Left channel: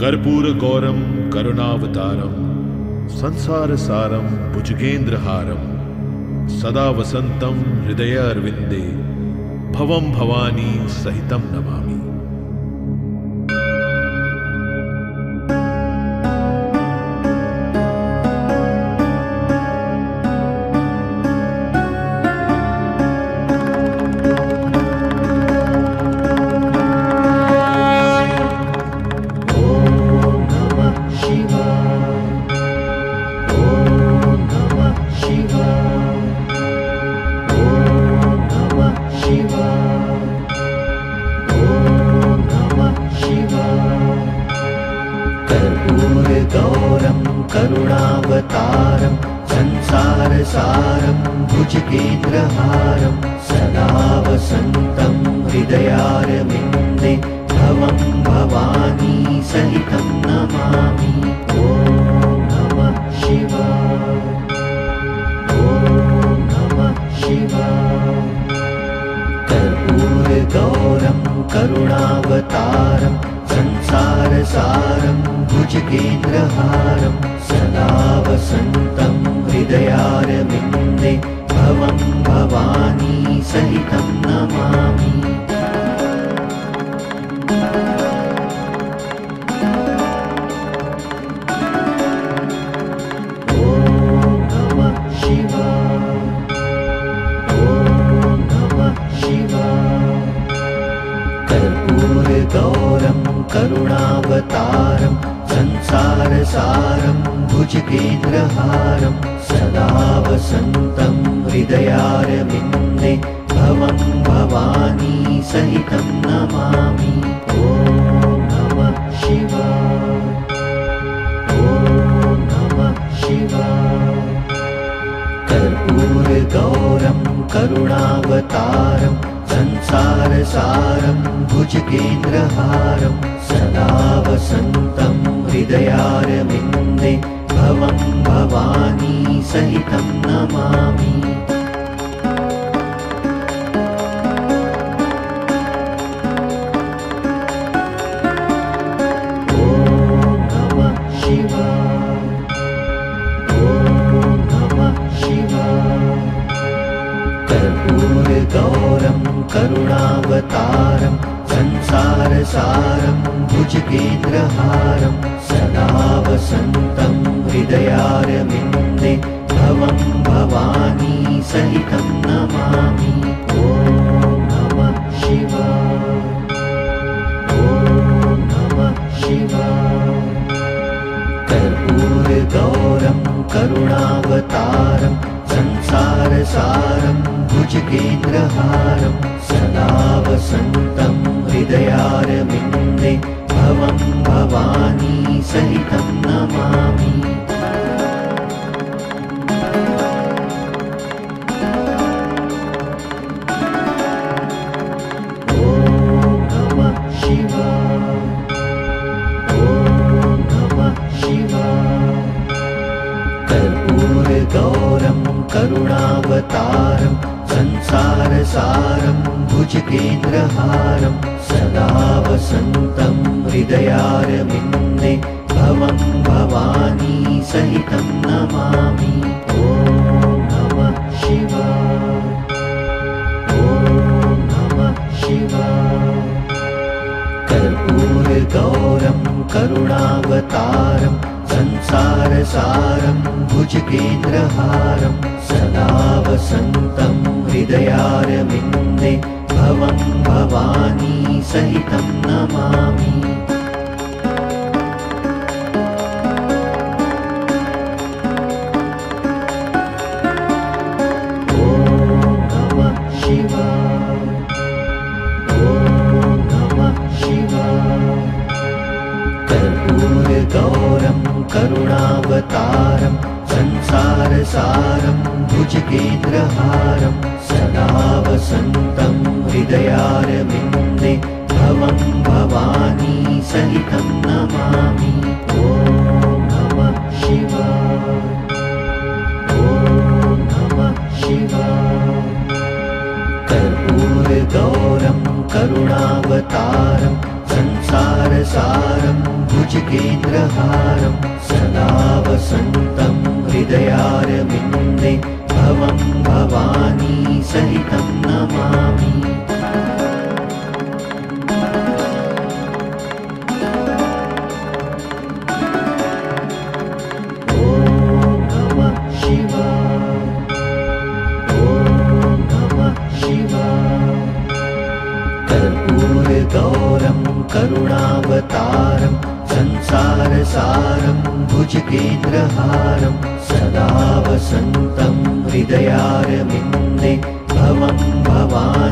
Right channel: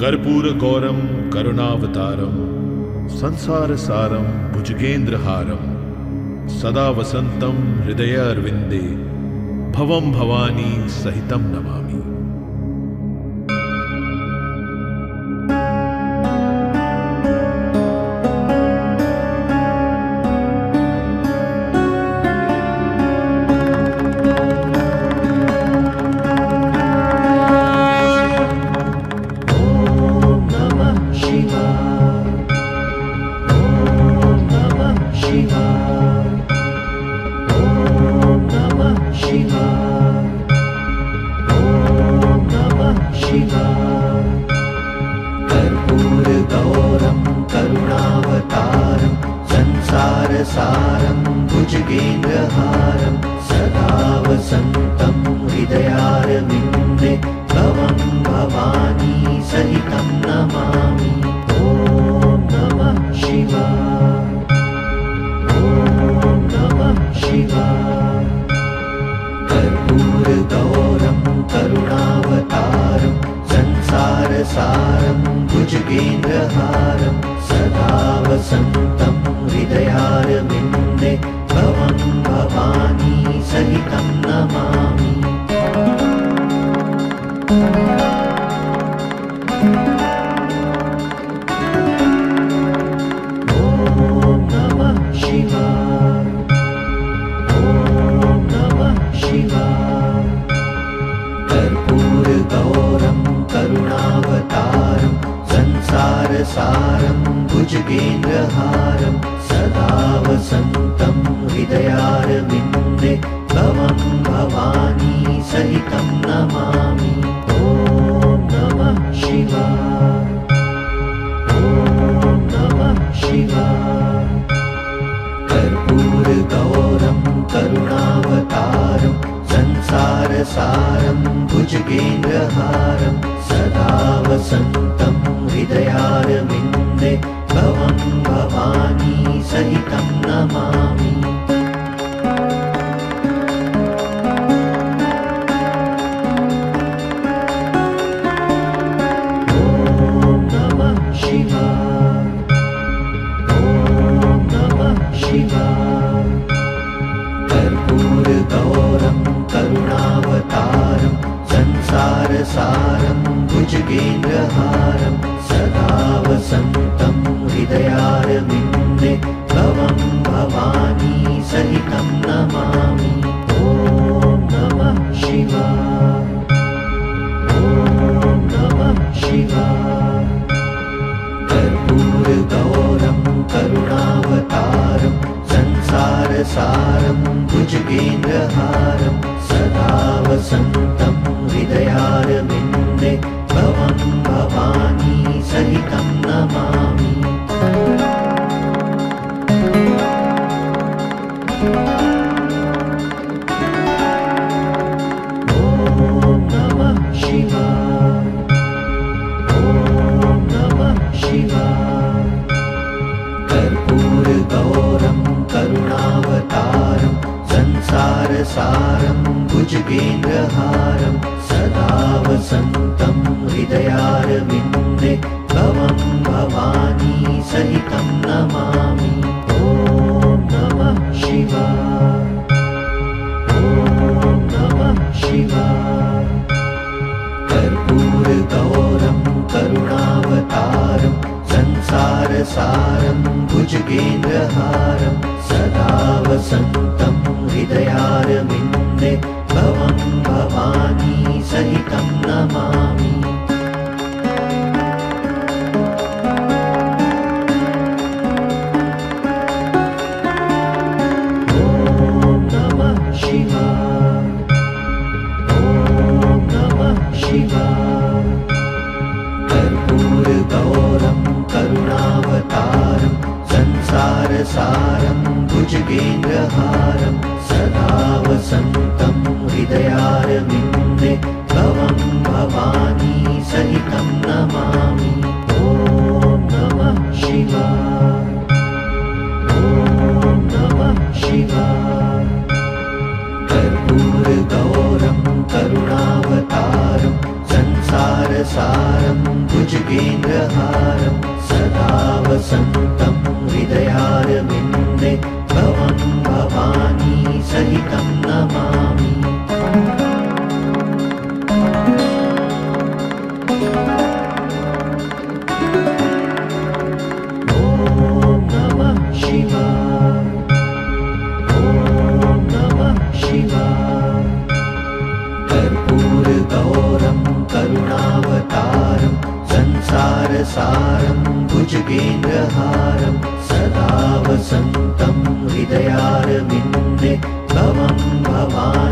कर्पूरगौरं करुणावतारं संसारसारं भुजगेन्द्रहारं सदा वसन्तं हृदयारविन्दे भवं भवानी सहितं नमामि। कर्पूरगौरं करुणावतारं संसारसारं भुजगेन्द्रहारं सदा वसन्तं हृदयारविन्दे भवं भवानी सहितं नमामि। ॐ नमः शिवाय, ॐ नमः शिवाय। कर्पूरगौरं करुणावतारं संसारसारं भुजगेन्द्रहारं सदा वसन्तं हृदयारविन्दे भवं भवानी सहितं नमामि। ॐ नमः शिवाय, ॐ नमः शिवाय। कर्पूरगौरं करुणावतारं संसारसारं भुजगेन्द्रहारं सदा वसन्तं हृदयारविन्दे भवं भवानी सहितं नमामि। ॐ नमः शिवाय, ॐ नमः शिवाय। कर्पूरगौरं करुणावतारं संसारसारं भुजगेन्द्रहारं सदा वसन्तं हृदयारविन्दे भवं भवानी सहितं नमामि। ॐ नमः शिवाय, ॐ नमः शिवाय। कर्पूरगौरं करुणावतारं संसारसारं भुजगेन्द्रहारं सदा वसन्तं हृदयारविन्दे भवं भवानी सहितं नमामि। ॐ नमः शिवाय, ॐ नमः शिवाय। कर्पूरगौरं करुणावतारं संसारसारं भुजगेन्द्रहारं सदा वसन्तं हृदयारविन्दे भवं भवानी सहितं नमामि। ॐ नमः शिवाय, ॐ नमः शिवाय। कर्पूरगौरं करुणावतारं संसारसारं भुजगेन्द्रहारं सदा वसन्तं हृदयारविन्दे भवं भवानी सहितं नमामि। ॐ नमः शिवाय, ॐ नमः शिवाय। कर्पूरगौरं करुणावतारं संसारसारं भुजगेन्द्रहारं सदा वसन्तं हृदयारविन्दे भवं भवानी सहितं नमामि। ॐ नमः शिवाय, ॐ नमः शिवाय। कर्पूरगौरं करुणावतारं संसारसारं भुजगेन्द्रहारं सदा वसन्तं हृदयारविन्दे भवं भवानी सहितं नमामि। ॐ नमः शिवाय, ॐ नमः शिवाय। कर्पूरगौरं करुणावतारं संसारसारं संसारसारं भुजगेन्द्रहारं सदा वसन्तं हृदयारविन्दे भवं भवानी सहितं नमामि। कर्पूरगौरं करुणावतारं संसारसारं भुजगेन्द्रहारं सदा वसन्तं हृदयारविन्दे भवं भवानी